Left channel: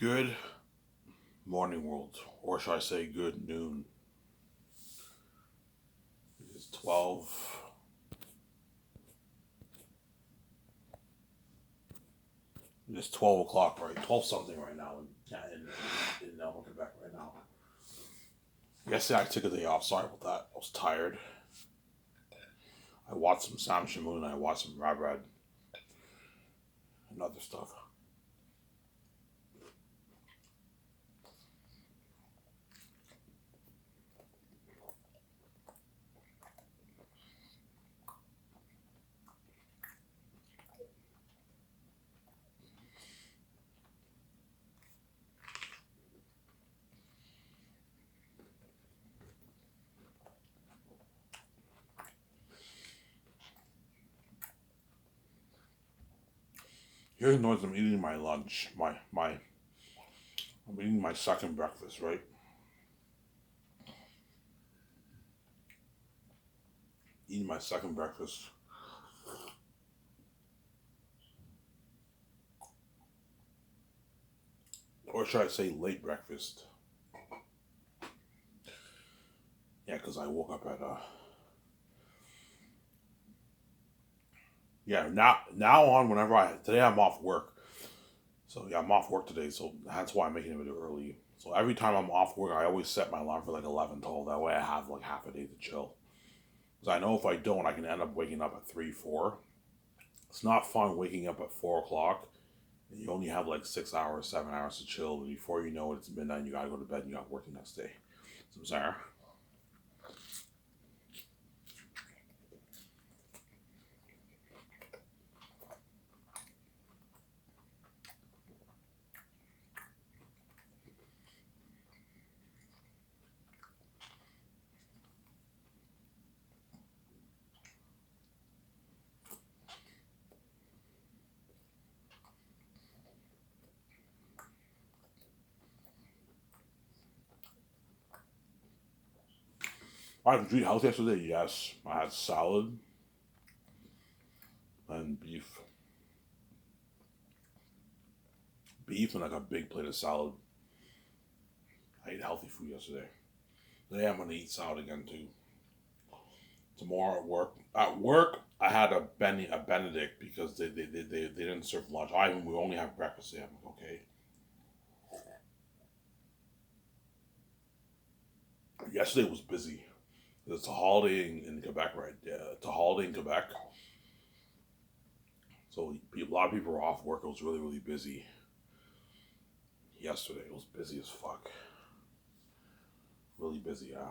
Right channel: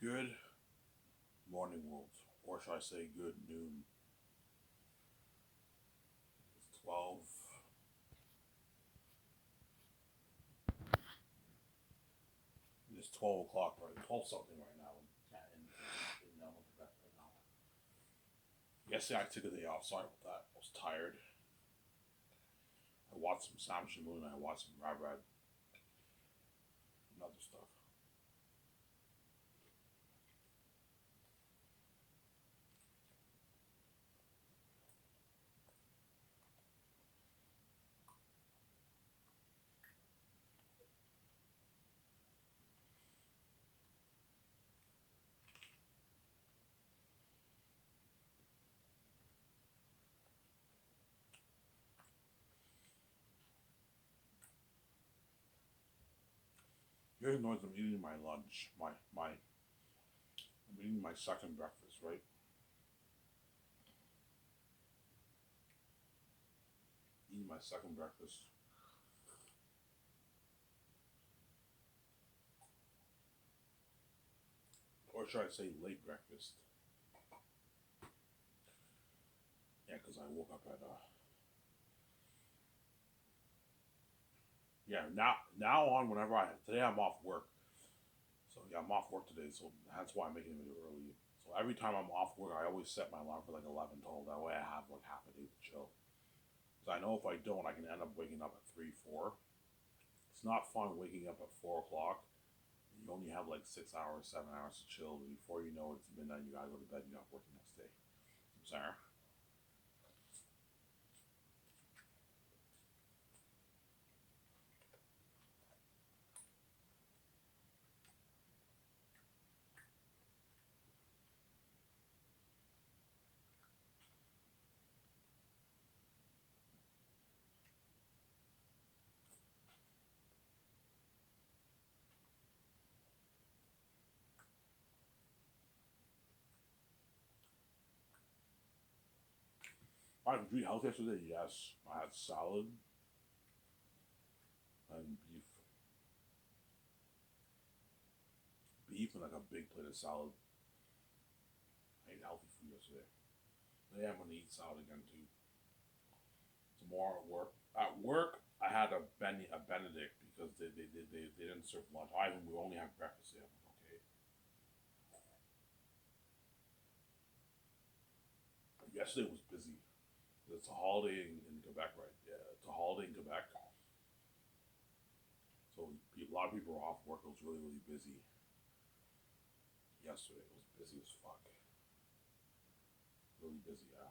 Good morning, world, or should I say, good noon. It's 12. It's 12 o'clock, right? 12 something right now in Quebec right now. Yesterday I took a day off. Sorry about that. I was tired. I watched some Sam Shamoon. I watched some Rab Rad and other stuff. Here's noise. I'm eating my lunch. I'm eating my second breakfast, right? Eating my second breakfast, or should I say, late breakfast? Yeah, because I woke up at yeah. Now on, whenever I today I'm off work. So yeah, I'm off work today, so that's why I'm making a video early. So every time I'm off work, I always set my alarm for like 11, 12. That way I have like half a day to chill. Because I know if I don't, I can end up waking up at 3, 4. It's not fun waking up at 4 o'clock and you only have like 6 hours, 7 hours to chill. Before you know it, it's midnight and you gotta go to bed and you got work the next day. So Sarah, I had eat healthy yesterday. Yes, I had salad and beef and like a big plate of salad. I ate healthy food yesterday. Today I'm gonna eat salad again too. Tomorrow at work. At work, I had a Benedict because they didn't serve lunch. We only have breakfast. Today. I'm like, okay. Yesterday was busy. It's a holiday in Quebec, right? Yeah, it's a holiday in Quebec, so a lot of people were off work. It was really busy yesterday. It was busy as fuck. Really busy, yeah.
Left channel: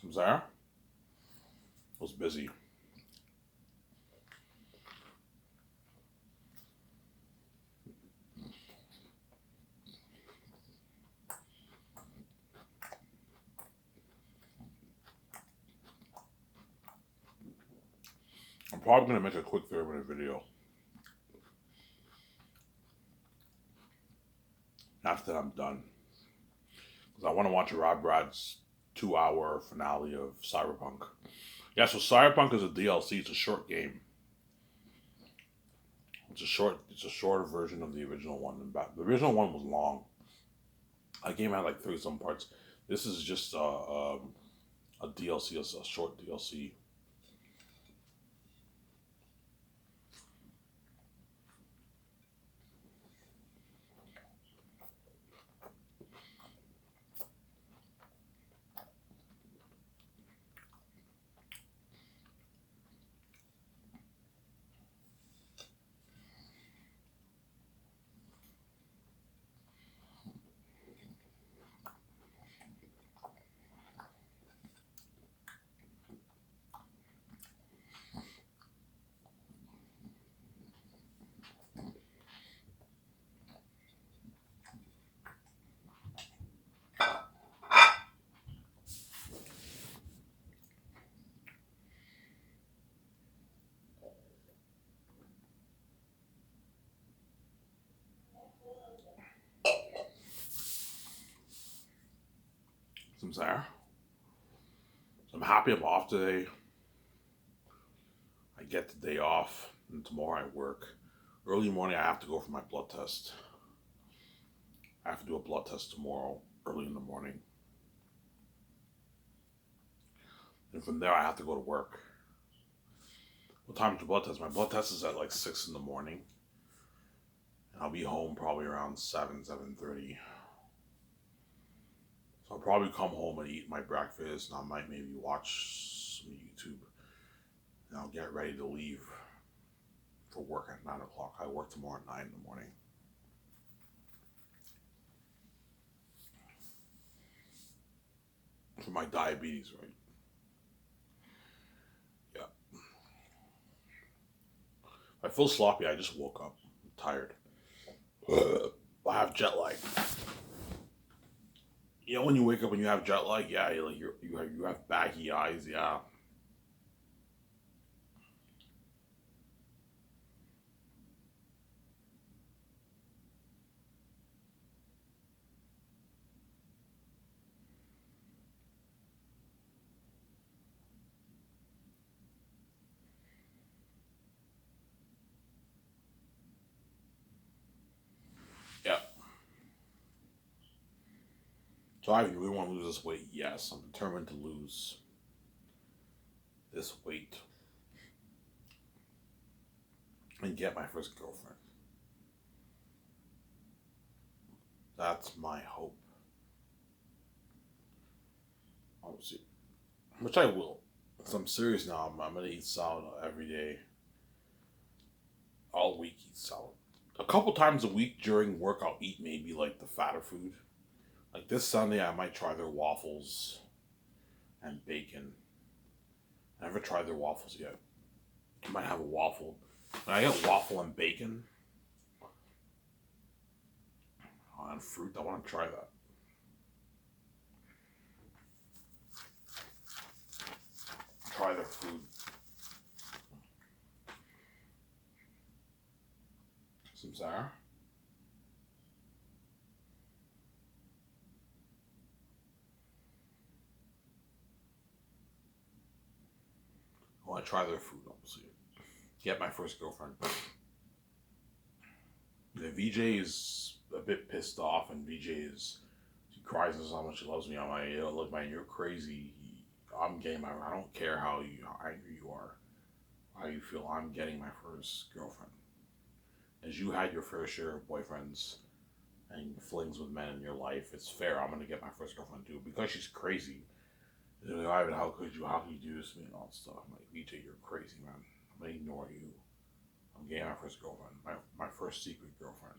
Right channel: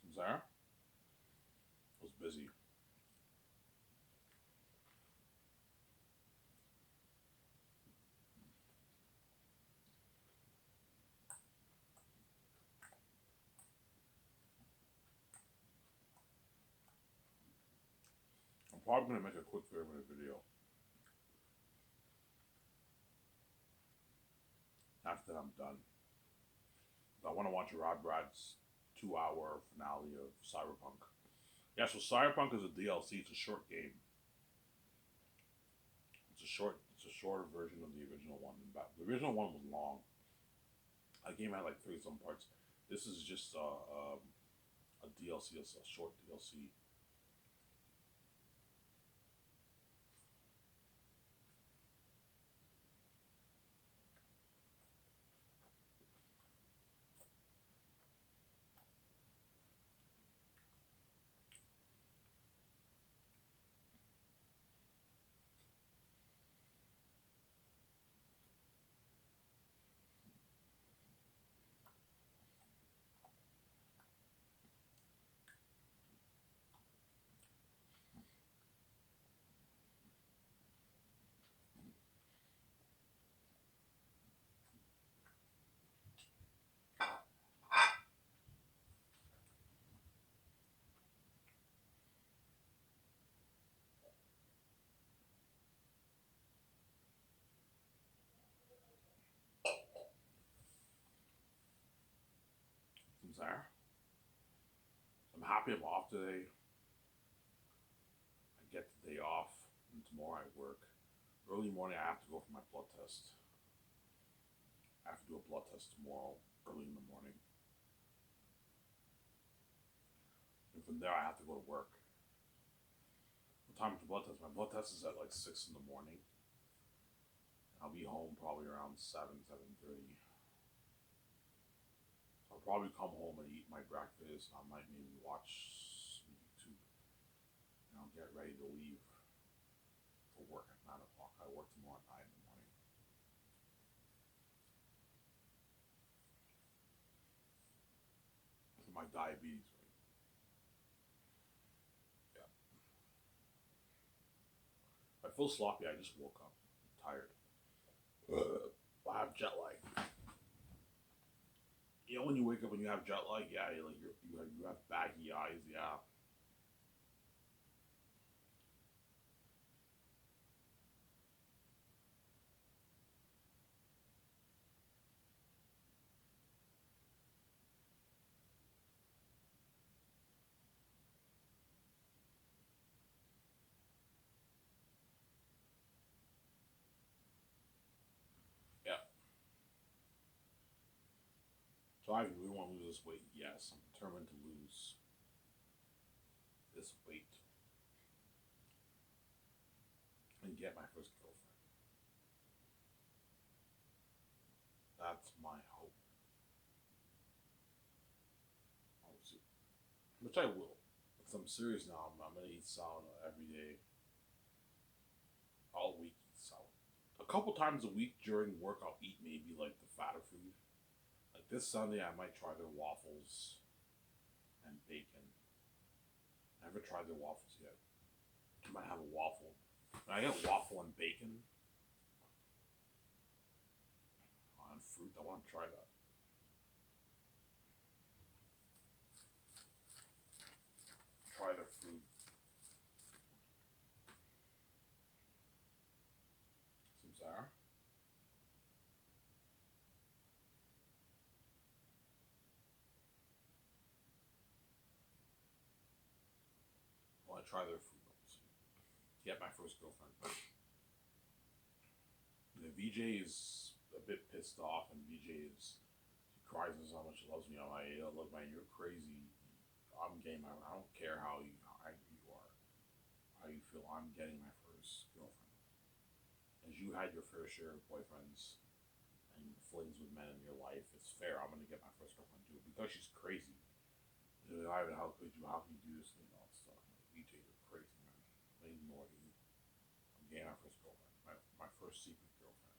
From there, it was busy. I'm probably gonna make a quick 30-minute video. After that, I'm done because I want to watch Rob Brad's 2 hour finale of Cyberpunk. Yeah, so Cyberpunk is a DLC. It's a short game. It's a shorter version of the original one. The original one was long. That game had like 30 some parts. This is just a DLC, a short DLC. I'm Sarah. So I'm happy I'm off today. I get the day off, and tomorrow I work. Early morning, I have to go for my blood test. I have to do a blood test tomorrow, early in the morning. And from there, I have to go to work. What time is your blood test? My blood test is at like 6 in the morning. And I'll be home probably around 7:30. So I'll probably come home and eat my breakfast, and I might maybe watch some YouTube. And I'll get ready to leave for work at 9 o'clock. I work tomorrow at 9 in the morning. For my diabetes, right? Yeah. I feel sloppy. I just woke up. I'm tired. I have jet lag. You know when you wake up and you have jet lag, yeah, you have baggy eyes, yeah. Yeah. So I really want to lose this weight. Yes, I'm determined to lose this weight and get my first girlfriend. That's my hope. Obviously, which I will. So I'm serious now. I'm gonna eat salad every day, all week. Eat salad. A couple times a week during work, I'll eat maybe like the fatter food. Like this Sunday, I might try their waffles and bacon. I never tried their waffles yet. I might have a waffle. When I get waffle and bacon on fruit, I want to try that. Try their food. Some sour. I want to try their food, obviously. Get my first girlfriend. The VJ is a bit pissed off, and she cries and how much she loves me. I'm like, yo, look, man, you're crazy. I'm getting my. I don't care how angry you are, how you feel. I'm getting my first girlfriend. As you had your fair share of boyfriends and flings with men in your life, it's fair. I'm gonna get my first girlfriend too because she's crazy. They're like, Ivan, how could you? How can you do this to me and all that stuff? I'm like, VJ, you're crazy, man. I'm gonna ignore you. I'm getting my first girlfriend, my first secret girlfriend.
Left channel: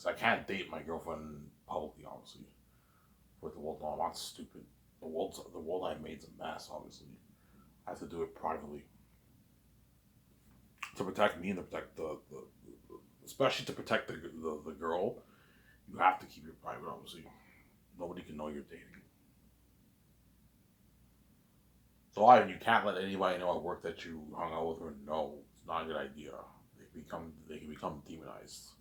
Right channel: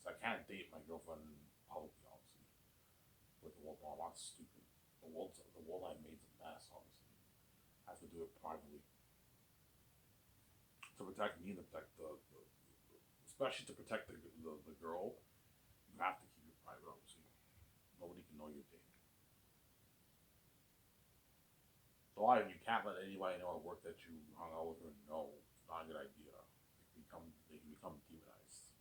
So I can't date my girlfriend publicly, obviously. With the world, no, I'm not stupid. The world I made's a mess, obviously. I have to do it privately to protect me and to protect especially to protect the girl. You have to keep it private, obviously. Nobody can know you're dating. So you can't let anybody know at work that you hung out with her. No, it's not a good idea. They can become demonized.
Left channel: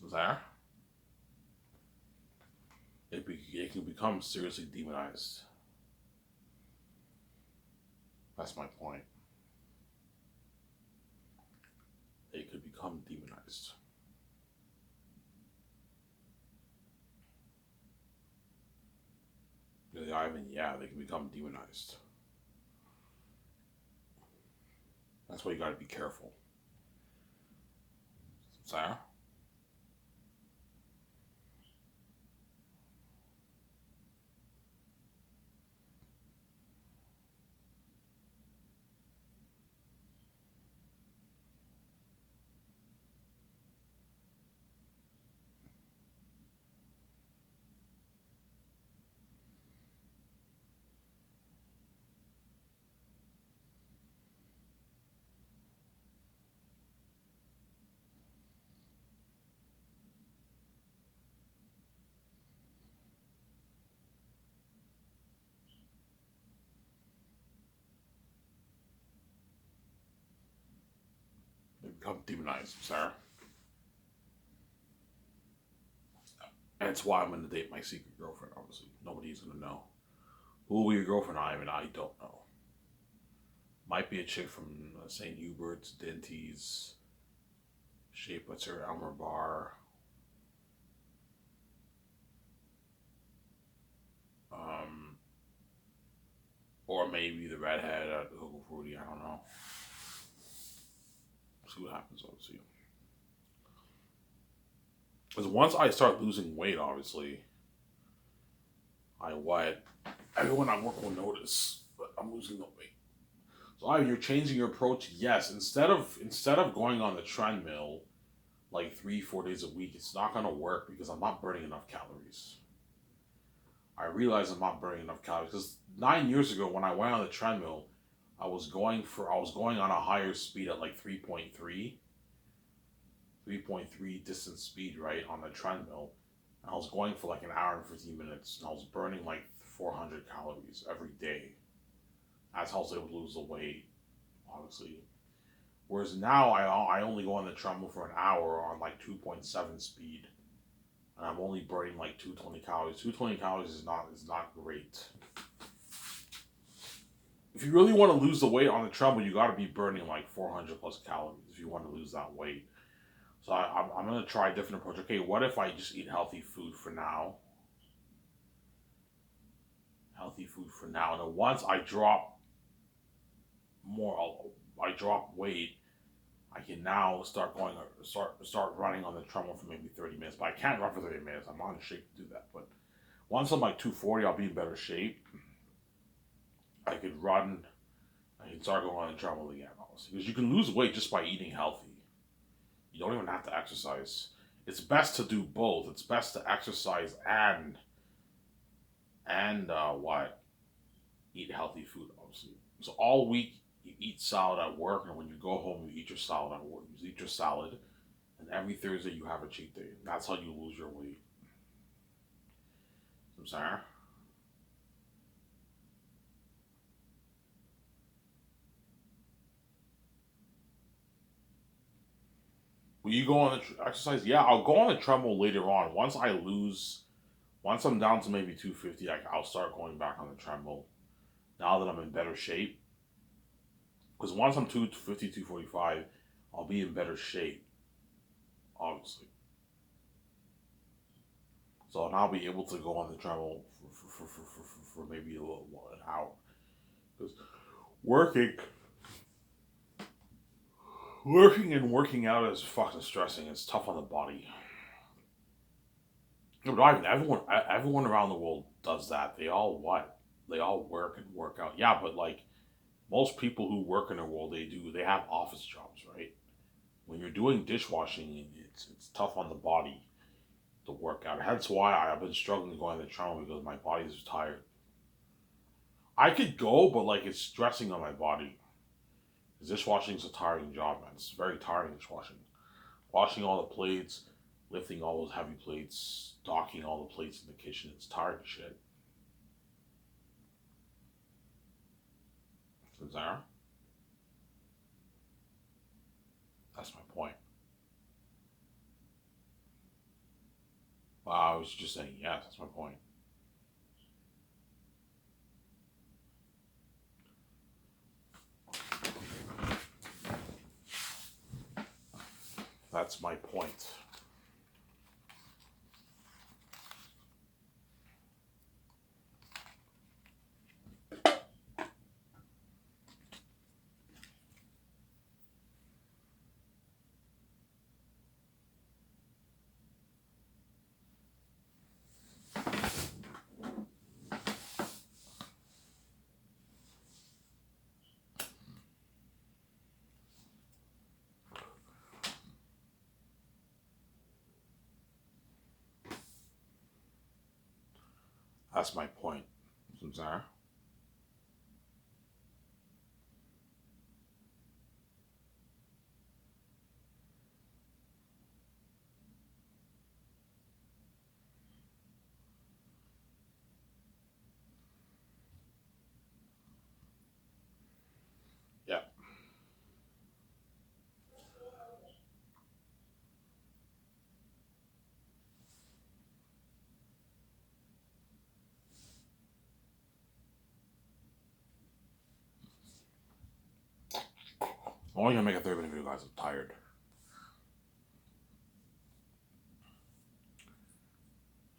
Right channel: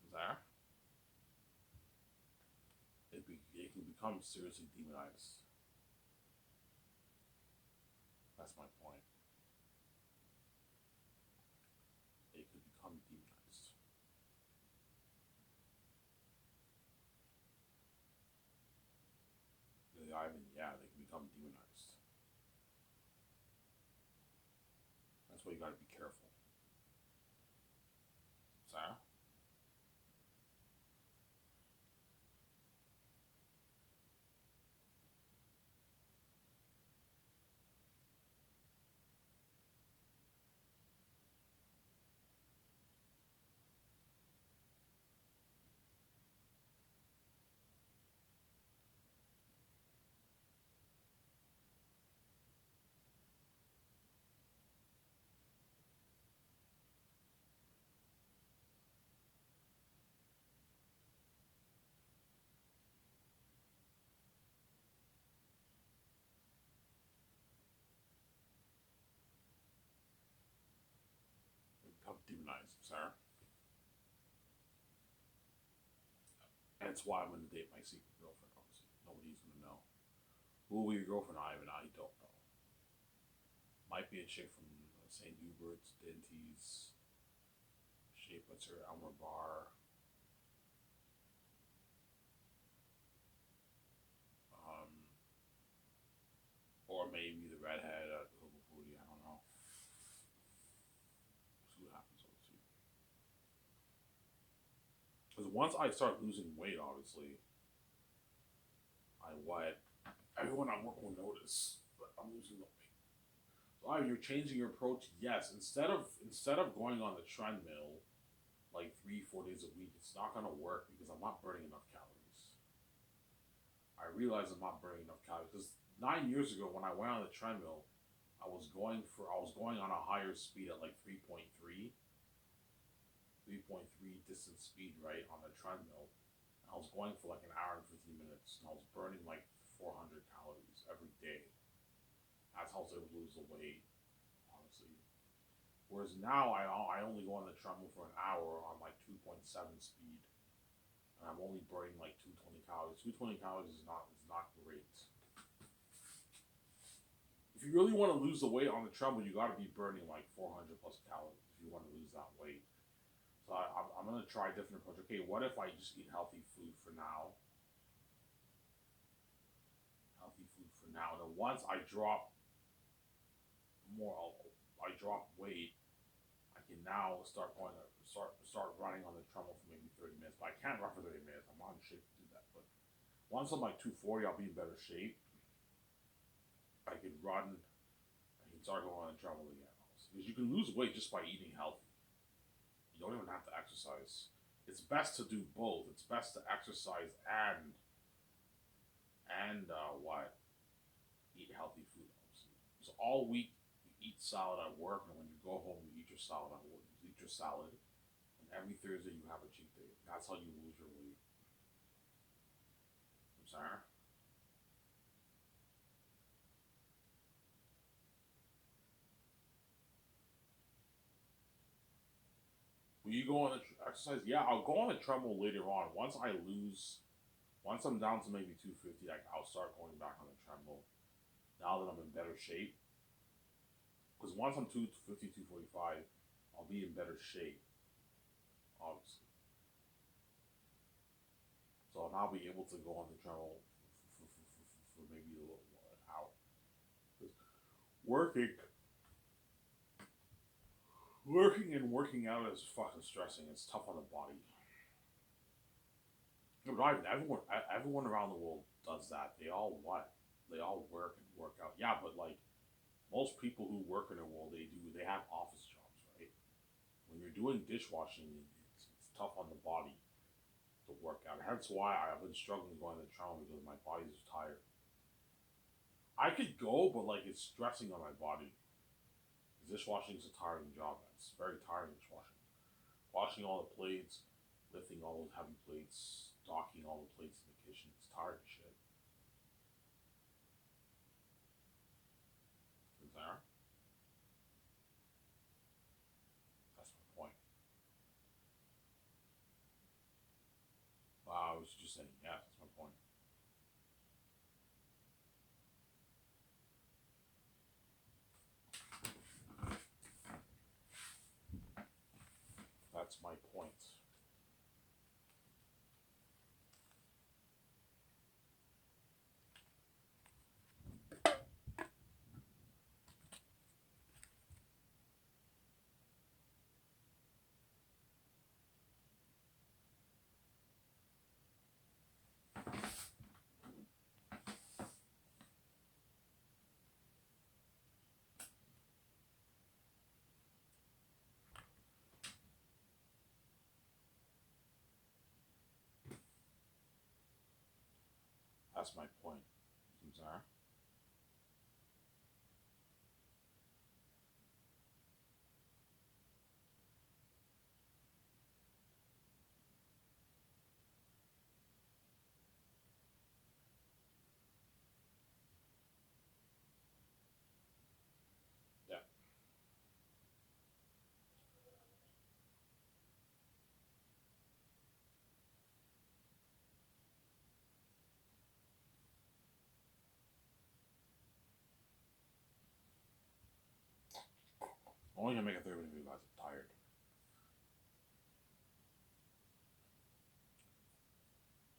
So there, it can become seriously demonized. That's my point. It could become demonized. Ivan, yeah, they can become demonized. That's why you got to be careful. Sarah, they become demonized. Sarah. That's why I'm gonna date my secret girlfriend. Obviously, nobody's gonna know. Who will be your girlfriend? I don't know. Might be a chick from St. Hubert's, Denty's, Shapewetter, Elmer Bar, um, or maybe the redhead at Hogo Fruity. I don't know. See what happens. Obviously, because once I start losing weight, obviously, I what everyone I work will notice, but I'm losing the weight. So you're changing your approach. Yes, instead of going on the treadmill like 3 4 days a week, it's not gonna work because I'm not burning enough calories. I realize I'm not burning enough calories because 9 years ago when I went on the treadmill, I was going on a higher speed at like 3.3 distance speed, right, on the treadmill. And I was going for like an hour and 15 minutes, and I was burning like 400 calories every day. That's how I was able to lose the weight, obviously. Whereas now I only go on the treadmill for an hour on like 2.7 speed, and I'm only burning like 220 calories. 220 calories is not great. If you really want to lose the weight on the treadmill, you got to be burning like 400 plus calories if you want to lose that weight. So I'm gonna try a different approach. Okay, what if I just eat healthy food for now? Healthy food for now, and then once I drop more, I drop weight. I can now start running on the treadmill for maybe 30 minutes. But I can't run for 30 minutes. I'm not in shape to do that. But once I'm like 240, I'll be in better shape. I could run. I can start going on the treadmill again. Honestly, because you can lose weight just by eating healthy. You don't even have to exercise. It's best to do both. It's best to exercise and what eat healthy food. Obviously, so all week you eat salad at work, and when you go home you eat your salad at work. You eat your salad, and every Thursday you have a cheat day. That's how you lose your weight. I'm sorry. Will you go on the exercise? Yeah, I'll go on the treadmill later on. Once I'm down to maybe 250, I'll start going back on the treadmill. Now that I'm in better shape, because once I'm 250, 245, I'll be in better shape, obviously. So and I'll be able to go on the treadmill for maybe a little while, an hour. Because working, working and working out is fucking stressing. It's tough on the body. No, but everyone around the world does that. They all what? They all work and work out. Yeah, but like most people who work in the world, they have office jobs, right? When you're doing dishwashing, it's tough on the body to work out. That's why I've been struggling to go on the treadmill because my body's tired. I could go, but like it's stressing on my body. Dishwashing is a tiring job, man. It's very tiring dishwashing. Washing all the plates, lifting all those heavy plates, docking all the plates in the kitchen. It's tiring shit. Zara, that's my point. I was just saying yes. That's my point. That's my point. That's my point. Zara. Yeah. I'm only gonna make a 30-minute video, guys. I'm tired.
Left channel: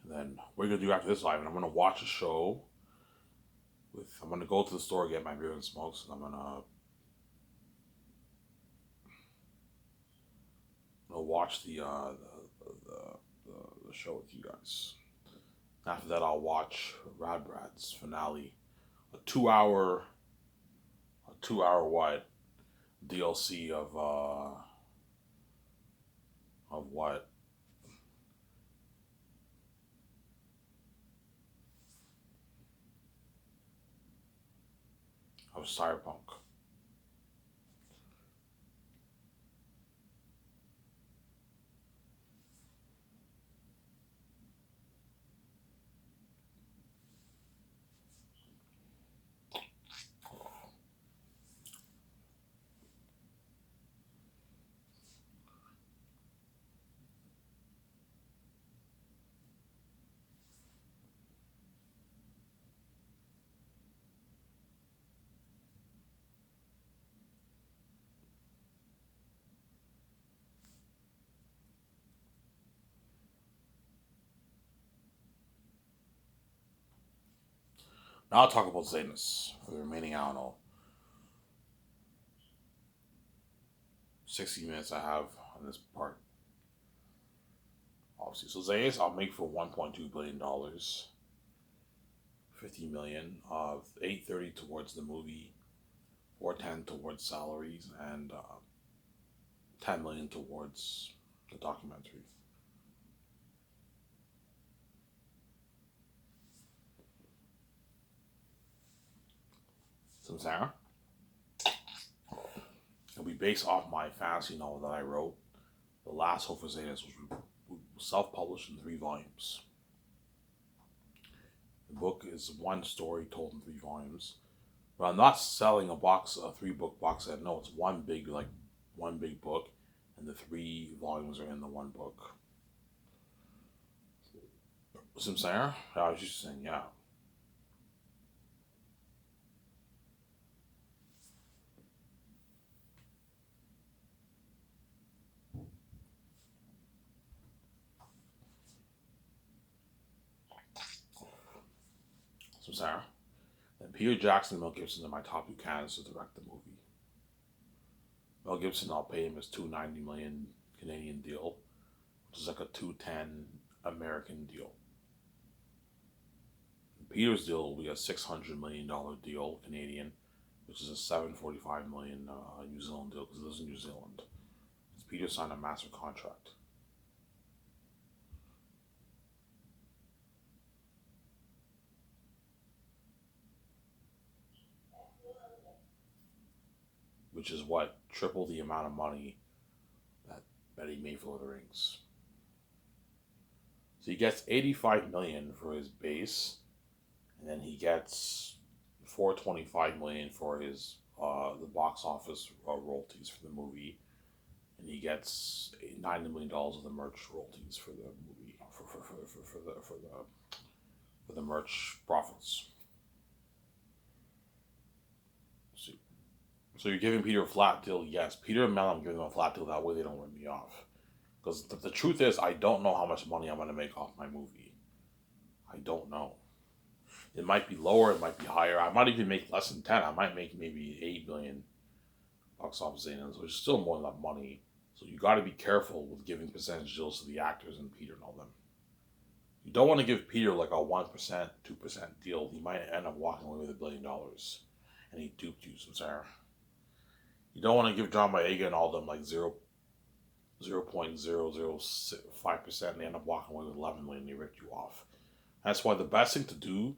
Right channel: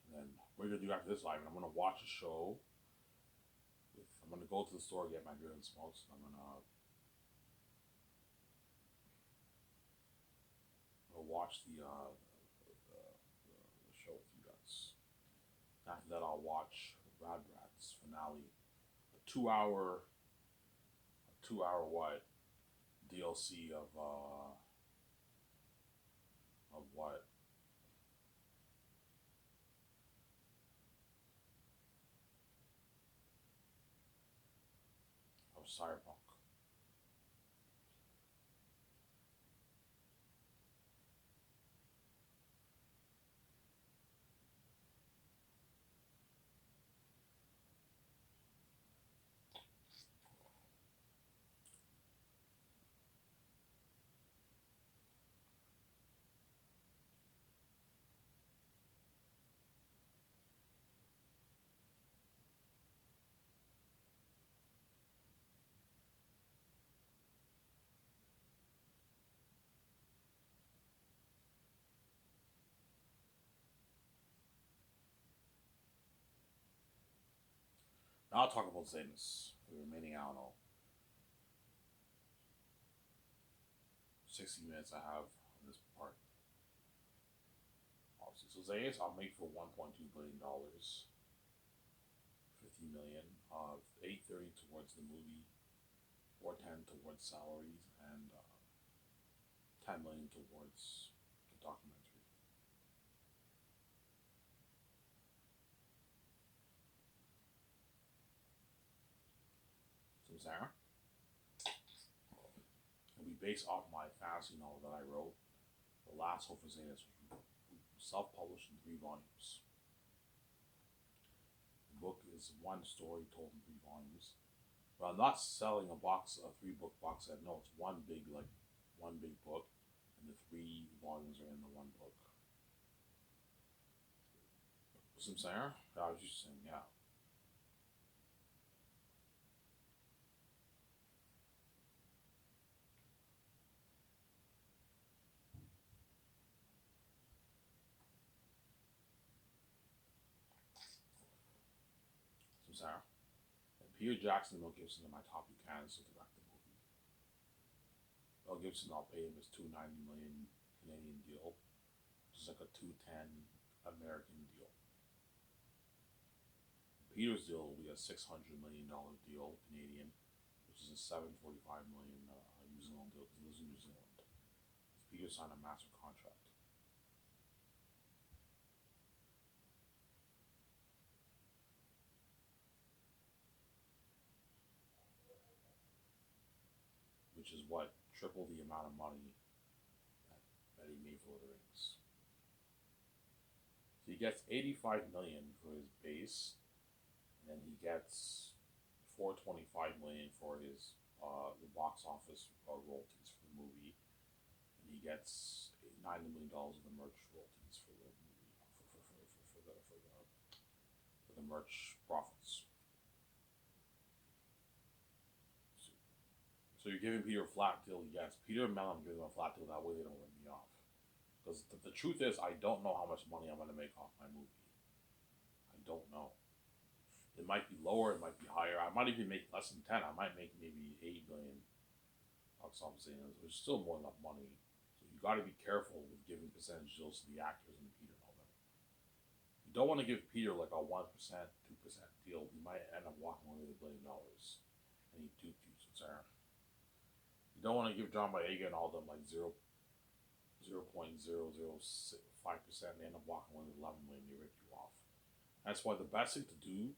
And then what are you gonna do after this live? And I'm gonna watch a show. I'm gonna go to the store, get my beer and smokes, and I'm gonna watch the show with you guys. After that, I'll watch Rad Brad's finale, a two-hour what DLC of what of Cyberpunk. Now I'll talk about Zanus for the remaining, I don't know, 60 minutes I have on this part. Obviously, so Zanus I'll make for $1.2 billion, 50 million, 830 towards the movie, 410 towards salaries, and 10 million towards the documentary. So Sarah, it'll be based off my fantasy novel that I wrote, The Last Hope for Zanus, which was self-published in 3 volumes. The book is one story told in 3 volumes. But I'm not selling a 3-book box set. No, it's one big book, and the 3 volumes are in the one book. Some Sarah? I was just saying, yeah. Some Sarah. And Peter Jackson and Mel Gibson are my top 2 candidates to direct the movie. Mel Gibson, I'll pay him his $290 million Canadian deal, which is like a $210 American deal. Peter's deal will be a $600 million deal Canadian, which is a $745 million New Zealand deal because he lives in New Zealand. Peter signed a master contract. Which is what? Triple the amount of money that he made for Lord of the Rings. So he gets $85 million for his base, and then he gets $425 million for his the box office royalties for the movie, and he gets $90 million of the merch royalties for the movie for the merch profits. So you're giving Peter a flat deal? Yes. Peter and Mel, I'm giving them a flat deal. That way they don't rip me off. Because the truth is, I don't know how much money I'm going to make off my movie. I don't know. It might be lower. It might be higher. I might even make less than 10. I might make maybe 8 million box office gains, which is still more than enough money. So you got to be careful with giving percentage deals to the actors and Peter and all them. You don't want to give Peter like a 1%, 2% deal. He might end up walking away with $1 billion. And he duped you, some Sarah. You don't want to give John Boyega and all them like 0.005%, and they end up walking away with 11 million. They ripped you off. That's why the best thing to do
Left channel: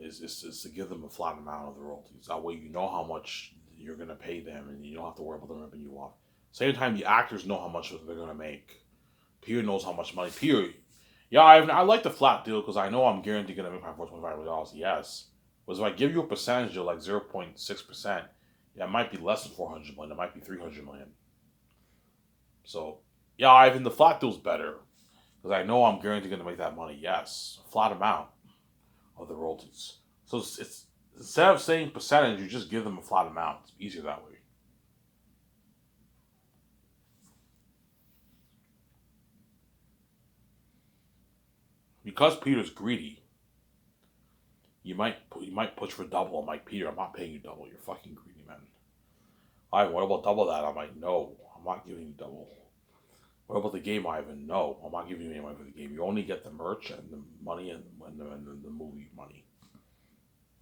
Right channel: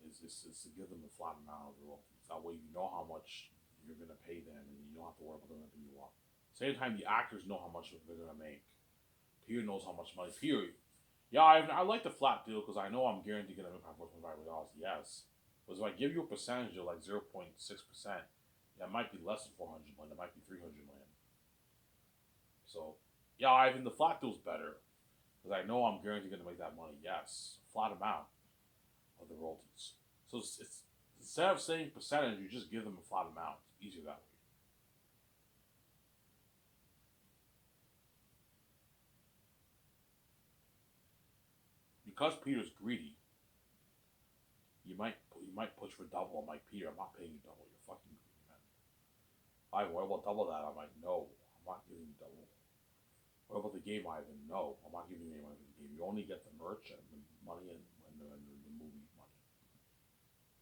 is to give them a flat amount of the royalties. That way you know how much you're going to pay them, and you don't have to worry about them ripping you off. Same time, the actors know how much they're going to make. Peter knows how much money. Peter, yeah, I like the flat deal because I know I'm guaranteed going to make my $425. Yes. But if I give you a percentage deal like 0.6%, yeah, it might be less than 400 million. It might be 300 million. So, yeah, Ivan, the flat deal's better because I know I'm guaranteed going to make that money. Yes, a flat amount of the royalties. So it's instead of saying percentage, you just give them a flat amount. It's easier that way. because Peter's greedy, you might push for double. I'm like, Peter, I'm not paying you double. You're fucking greedy, man. Ivan, what about double that? I'm like, no, I'm not giving you double. What about the game, Ivan? No, I'm not giving you any money for the game. You only get the merch and the money and the movie money.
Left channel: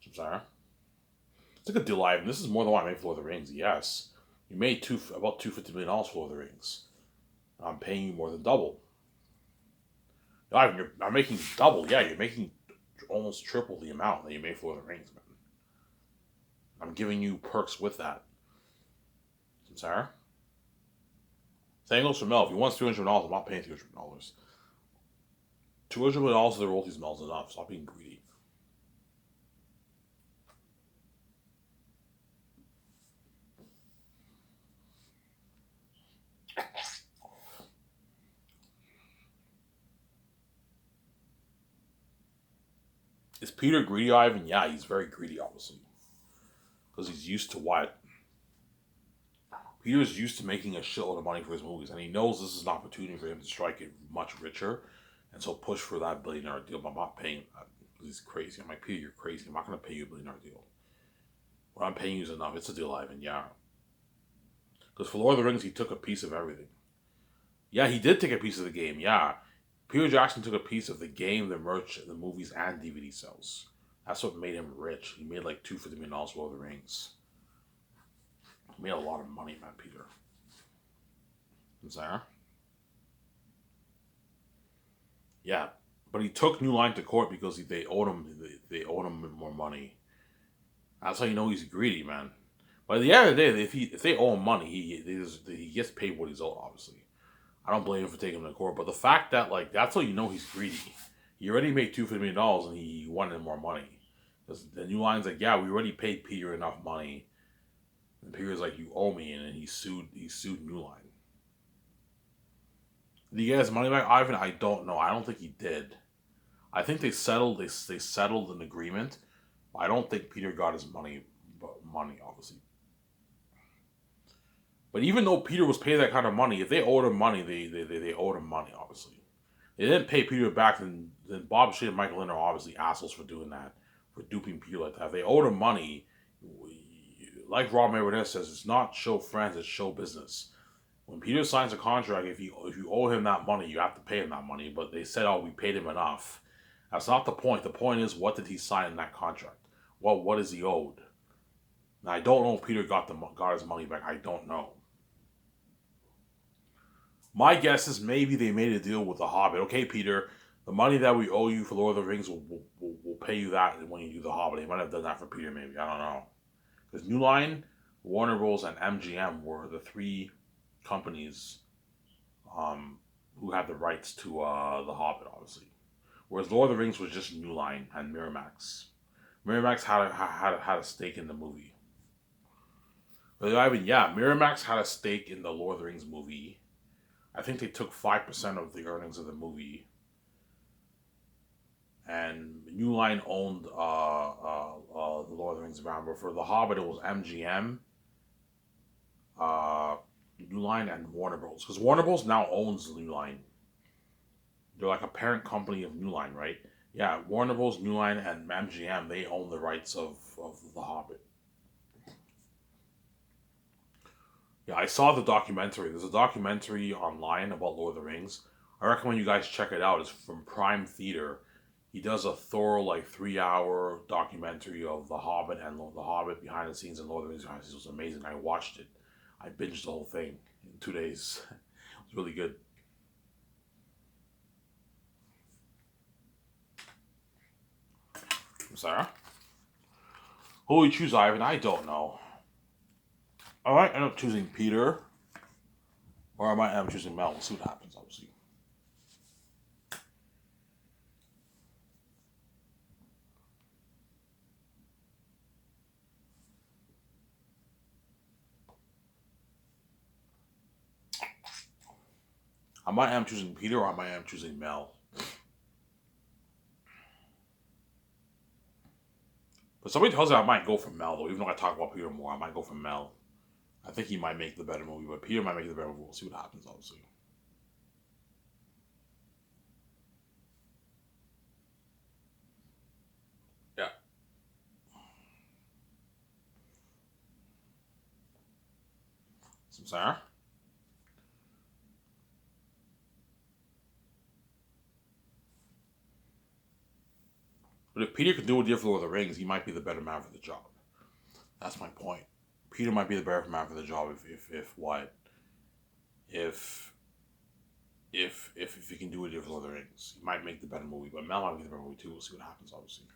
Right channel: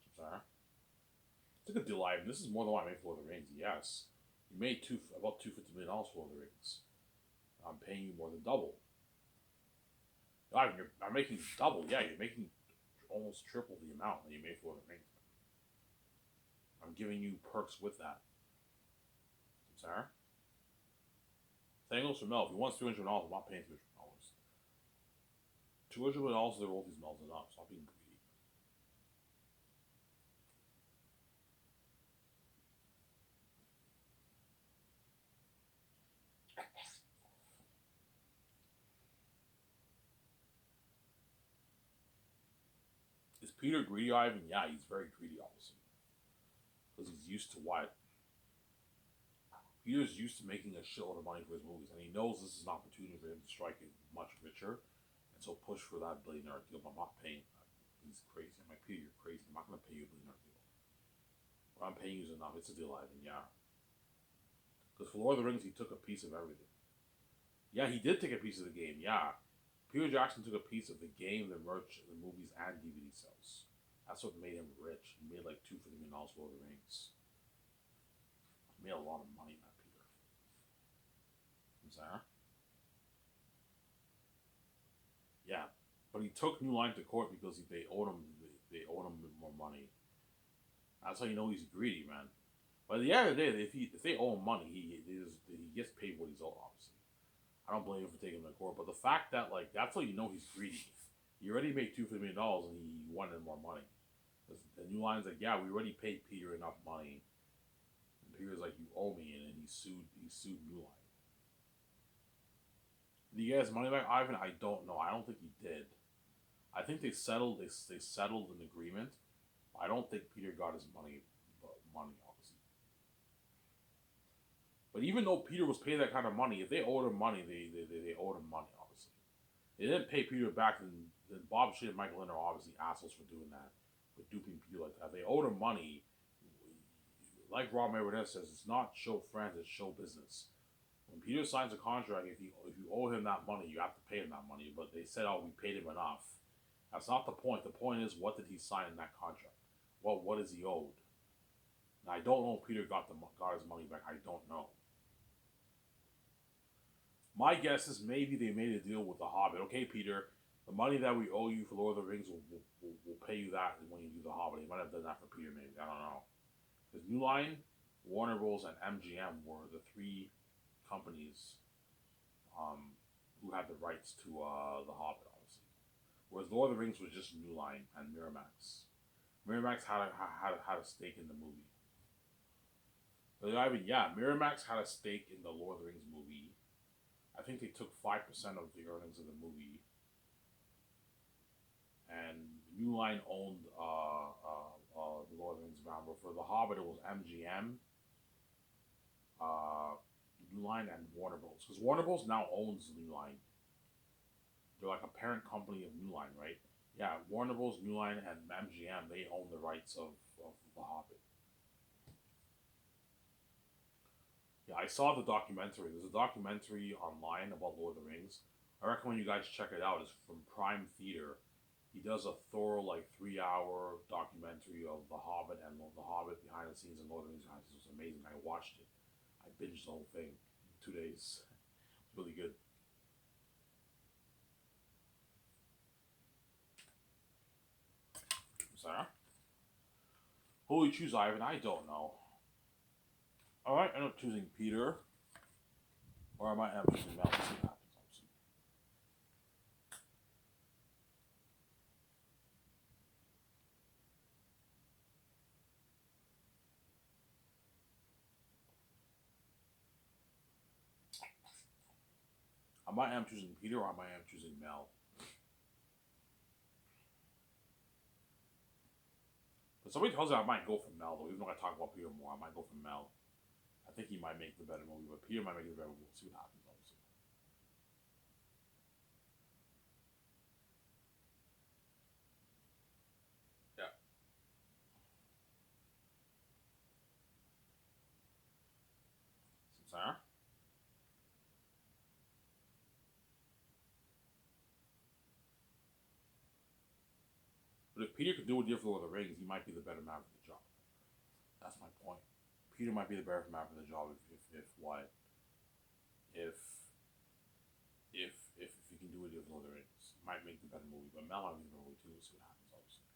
I'm sorry. It's a good deal, Ivan. This is more than what I made for Lord of the Rings. Yes, you made about $250 million for Lord of the Rings. I'm paying you more than double. Ivan, I'm making double. Yeah, you're making almost triple the amount that you made for Lord of the Rings, man. I'm giving you perks with that. I'm sorry. Same goes for Mel. If he wants $300, I'm not paying $300. $200 of the royalties, Mel's enough. Stop being greedy. Is Peter greedy, Ivan? Yeah, he's very greedy, obviously. Because he's used to what? Peter's used to making a shitload of money for his movies, and he knows this is an opportunity for him to strike it much richer, and so push for that billionaire deal. But I'm not paying that. He's crazy. I'm like, Peter, you're crazy. I'm not going to pay you a billionaire deal. What I'm paying you is enough. It's a deal, Ivan, yeah. Because for Lord of the Rings, he took a piece of everything. Yeah, he did take a piece of the game, yeah. Peter Jackson took a piece of the game, the merch, the movies, and DVD sales. That's what made him rich. He made like $250 million for Lord of the Rings. He made a lot of money, man, Peter. Sarah? Yeah, but he took New Line to court because they owed him more money. That's how you know he's greedy, man. But at the end of the day, if they owe him money, he gets paid what he's owed. Obviously, I don't blame him for taking him to court. But the fact that that's how you know he's greedy. He already made $250 million and he wanted more money. The New Line's like, yeah, we already paid Peter enough money. And Peter's like, you owe me, and then he sued New Line. Did he get his money back, Ivan? I don't know. I don't think he did. I think they settled. They settled an agreement. I don't think Peter got his money. Obviously. But even though Peter was paid that kind of money, if they owed him money, they owed him money. Obviously, they didn't pay Peter back. Then Bob Shea and Michael Lind are obviously assholes for doing that, for duping Peter like that. If they owed him money, like Rob Mayweather says, it's not show friends, it's show business. When Peter signs a contract, if you owe him that money, you have to pay him that money. But they said, oh, we paid him enough. That's not the point. The point is, what did he sign in that contract? What is he owed? Now, I don't know if Peter got his money back. I don't know. My guess is maybe they made a deal with the Hobbit. Okay, Peter, the money that we owe you for Lord of the Rings, we'll pay you that when you do the Hobbit. They might have done that for Peter, maybe. I don't know. Because New Line, Warner Bros., and MGM were the three companies who had the rights to the Hobbit, obviously. Whereas Lord of the Rings was just New Line and Miramax. Miramax had a stake in the movie. But Miramax had a stake in the Lord of the Rings movie. I think they took 5% of the earnings of the movie. And New Line owned the Lord of the Rings brand. But for The Hobbit, it was MGM, New Line, and Warner Bros. Because Warner Bros. Now owns New Line. They're like a parent company of New Line, right? Yeah, Warner Bros., New Line, and MGM, they own the rights of The Hobbit. Yeah, I saw the documentary. There's a documentary online about Lord of the Rings. I recommend you guys check it out. It's from Prime Theater. He does a thorough, 3-hour documentary of The Hobbit and The Hobbit behind the scenes and Lord of the Rings behind the scenes. It was amazing. I watched it. I binged the whole thing in 2 days. It was really good. Sarah? Who will you choose, Ivan? I don't know. I might end up choosing Peter, or I might end up choosing Mel. We'll see what happens, obviously. I might end up choosing Peter, or I might end up choosing Mel. But somebody tells me I might go for Mel, though. Even though I talk about Peter more, I might go for Mel. I think he might make the better movie, but Peter might make the better movie. We'll see what happens, obviously. Sarah? But if Peter could do what he did for Lord of the Rings, he might be the better man for the job. That's my point. Peter might be the better man for the job if what if he can do what he did for Lord of the Rings, he might make the better movie. But Mel might be the better movie too. We'll see what happens, obviously.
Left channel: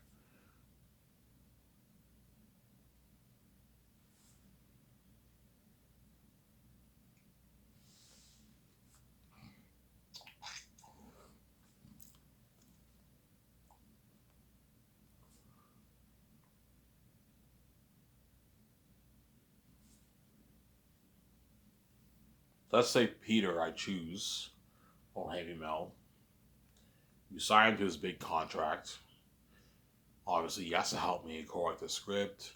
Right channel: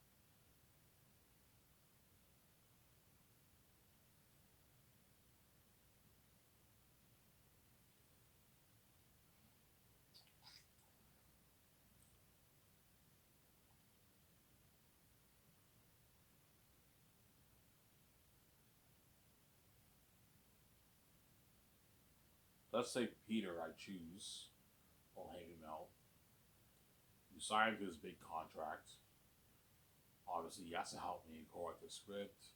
Let's say Peter, I choose, or Heavy Mel. You sign to his big contract. Obviously, he has to help me correct the script,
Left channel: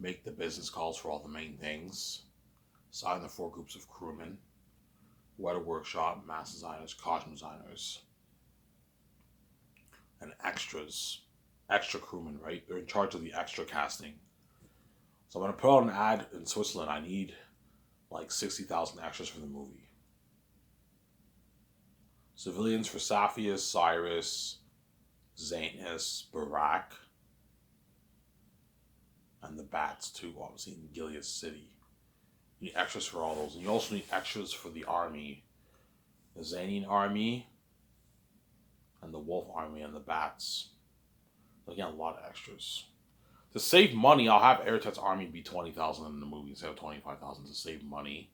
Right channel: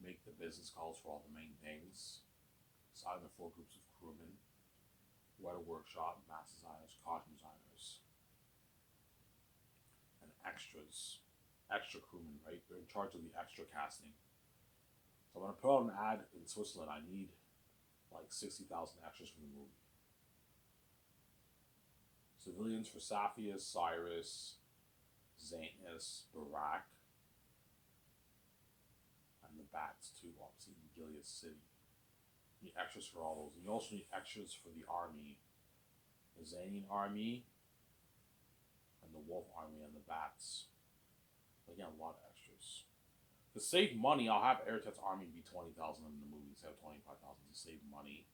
make the business calls for all the main things, sign the 4 groups of crewmen, weather workshop, mass designers, costume designers, and extras. Extra crewmen, right? They're in charge of the extra casting. So I'm going to put out an ad in Switzerland. I need like 60,000 extras for the movie. Civilians for Saphius, Cyrus, Zanus, Barak, and the Bats too, obviously in Gilead City. You need extras for all those. And you also need extras for the army. The Zanian army, and the Wolf army, and the Bats. Again, a lot of extras. To save money, I'll have Eretet's army be 20,000 in the movie instead of 25,000 to save money.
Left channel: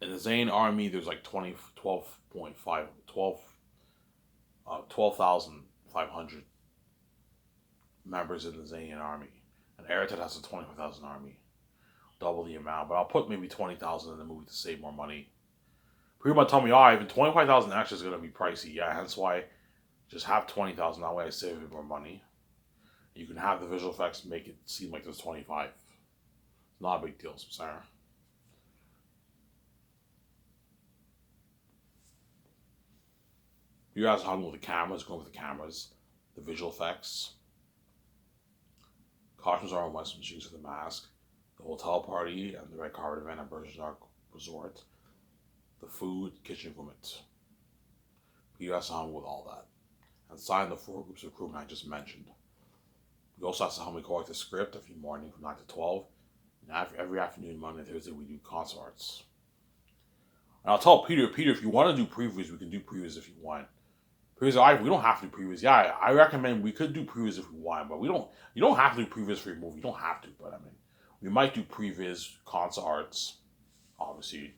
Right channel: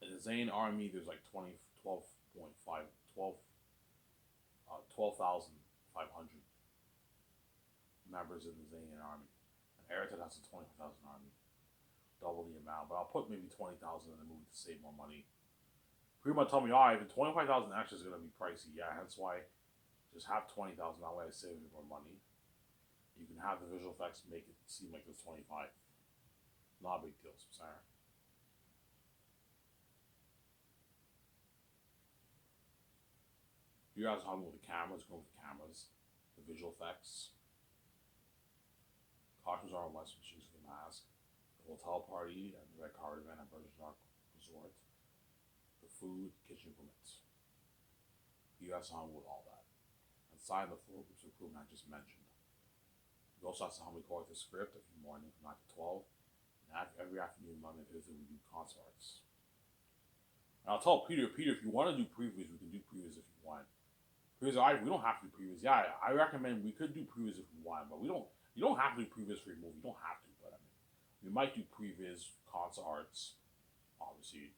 In the Zane army, there's like 12,500 members in the Zanian army. And Eretet has a 25,000 army. Double the amount, but I'll put maybe 20,000 in the movie to save more money. People might tell me, oh, even 25,000 extra is going to be pricey. Yeah, hence why just have 20,000. That way I save a bit more money. You can have the visual effects make it seem like there's 25. Not a big deal, Sarah. You guys are talking with the cameras, going with the cameras, the visual effects. Costumes are on Western Machines for the mask, the hotel party, and the red carpet event at Bergerac Resort, the food, kitchen equipment. You guys are on with all that. And sign the 4 groups of crewmen I just mentioned. We also have to help me correct the script every morning from 9 to 12. And every afternoon, Monday and Thursday, we do concert arts. And I'll tell Peter, if you want to do previews, we can do previews if you want. Previews, we don't have to do previews. Yeah, I recommend we could do previews if we want, but you don't have to do previews for your movie. You don't have to, but I mean, we might do previews, concert arts, obviously.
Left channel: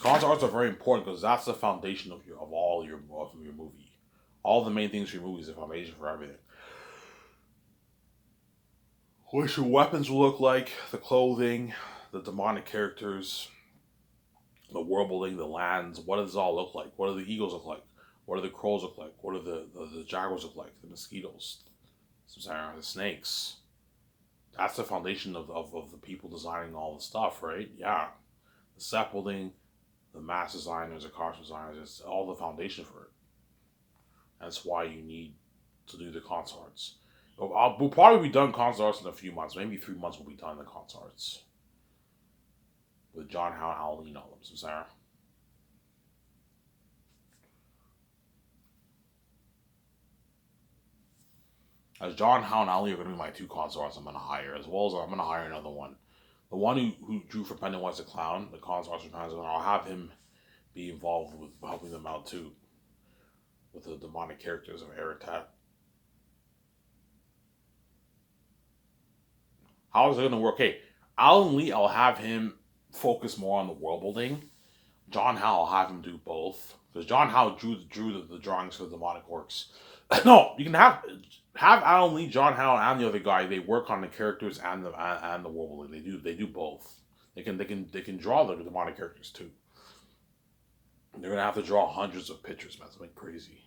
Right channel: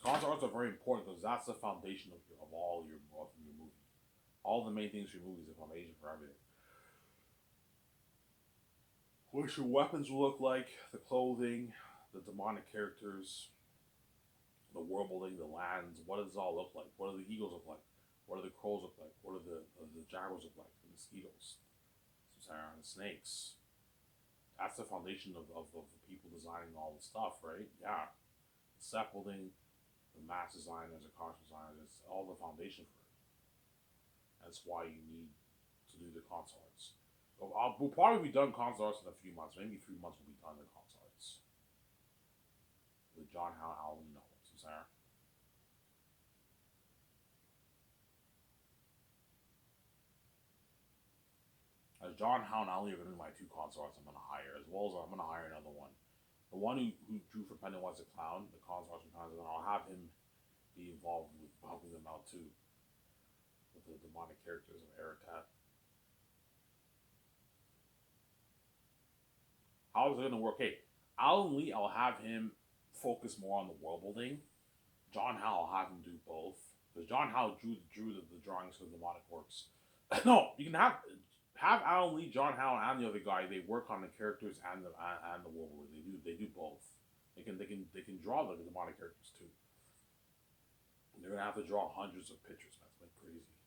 Concert arts are very important because that's the foundation of your movie. All the main things for your movie is the foundation for everything. What your weapons will look like, the clothing, the demonic characters, the world building, the lands. What does it all look like? What do the eagles look like? What do the crows look like? What do the jaguars look like? The mosquitoes, the snakes. That's the foundation of the people designing all the stuff, right? Yeah, the set building, the mass designers, the costume designers. It's all the foundation for it. That's why you need to do the concert arts. We'll probably be done concert arts in a few months. Maybe 3 months we'll be done the concert arts. With John Howe, Al Lean, all of them, Sarah. As John Howe and Ali are going to be my 2 concert artists I'm going to hire, as well as I'm going to hire another one. The one who drew for Pennywise the Clown, the concert artist for Pennywise, I'll have him be involved with helping them out too. With the demonic characters of Eretet. How is it going to work? Hey, Alan Lee, I'll have him focus more on the world building. John Howe, I'll have him do both. Because John Howe drew the drawings for the demonic works. No, you can have Alan Lee, John Howe, and the other guy. They work on the characters and the world building. They do both. They can draw the demonic characters too. They're gonna have to draw hundreds of pictures, man. It's like crazy.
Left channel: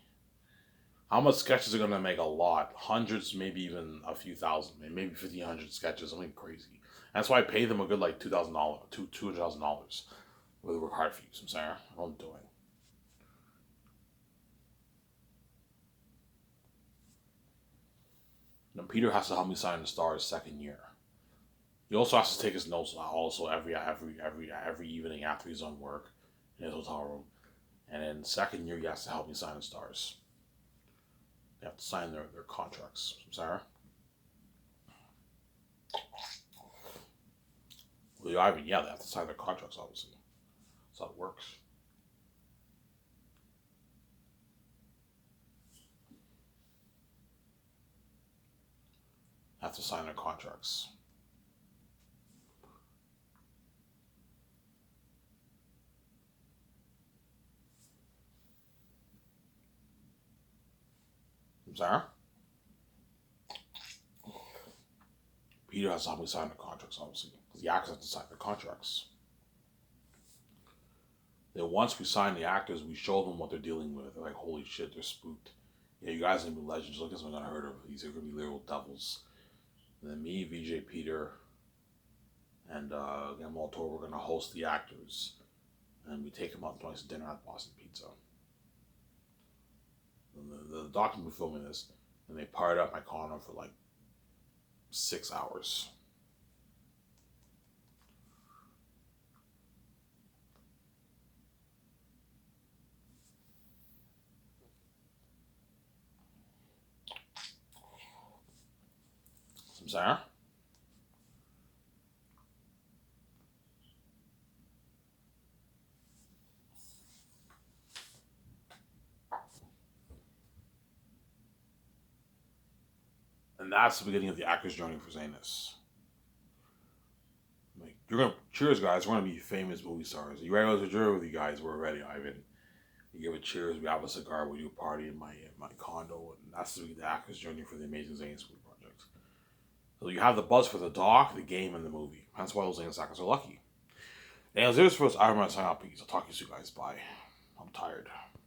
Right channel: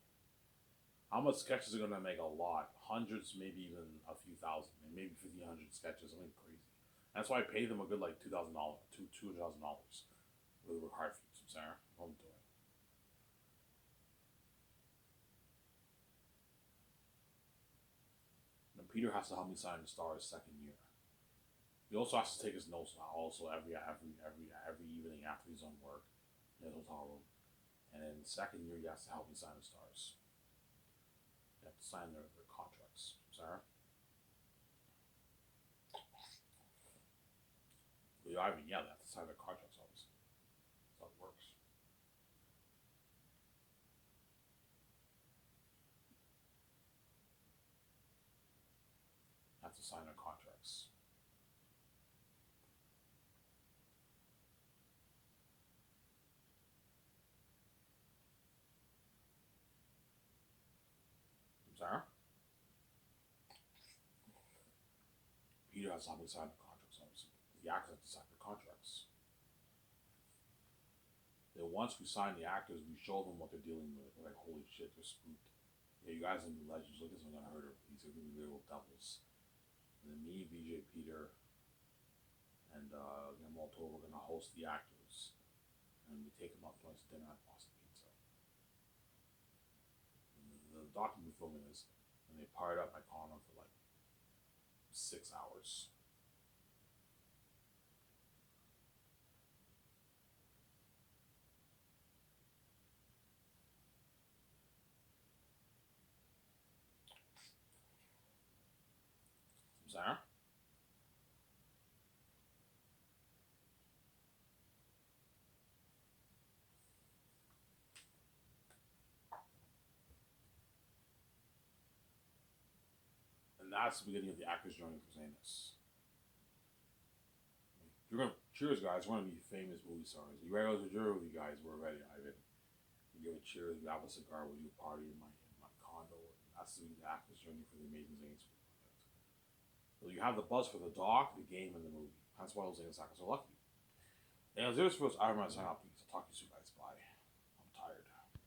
How much sketches are gonna make? A lot, hundreds, maybe even a few thousand, maybe 1,500 sketches. Something crazy. That's why I pay them a good like $2,000, $200,000 with a hard fees. I'm sorry, what I'm doing. And Peter has to help me sign the Stars second year. He also has to take his notes also every evening after he's on work in his hotel room. And then second year he has to help me sign the Stars. They have to sign their contracts. Sarah? Well, I mean, yeah, they have to sign their contracts, obviously. That's how it works. Have to sign their contracts. Sarah? Peter has to help me sign the contracts, obviously. The actors have to sign the contracts. Then once we sign the actors, we show them what they're dealing with. They're like, holy shit, they're spooked. Yeah, you guys are gonna be legends. Look at something unheard of. These are gonna be literal devils. And then me, VJ Peter, and Guillermo del Toro, we're gonna host the actors. And we take them out twice to dinner at Boston Pizza. And the documentary filming this, and they parted up my condo for like 6 hours. Sarah? And that's the beginning of the actor's journey for saying this. Like, you're gonna cheers, guys. We're gonna be famous movie stars. You ready to go to jury with you guys? We're ready, Ivan. You give a cheers. We have a cigar. We do a party in my condo, and that's the actor's journey for the Amazing Zane's movie project. So you have the buzz for the doc, the game, and the movie. That's why those Zane actors are lucky. And as it is for us, I'm gonna sign out. Peace. I'll talk to you soon, guys. Bye.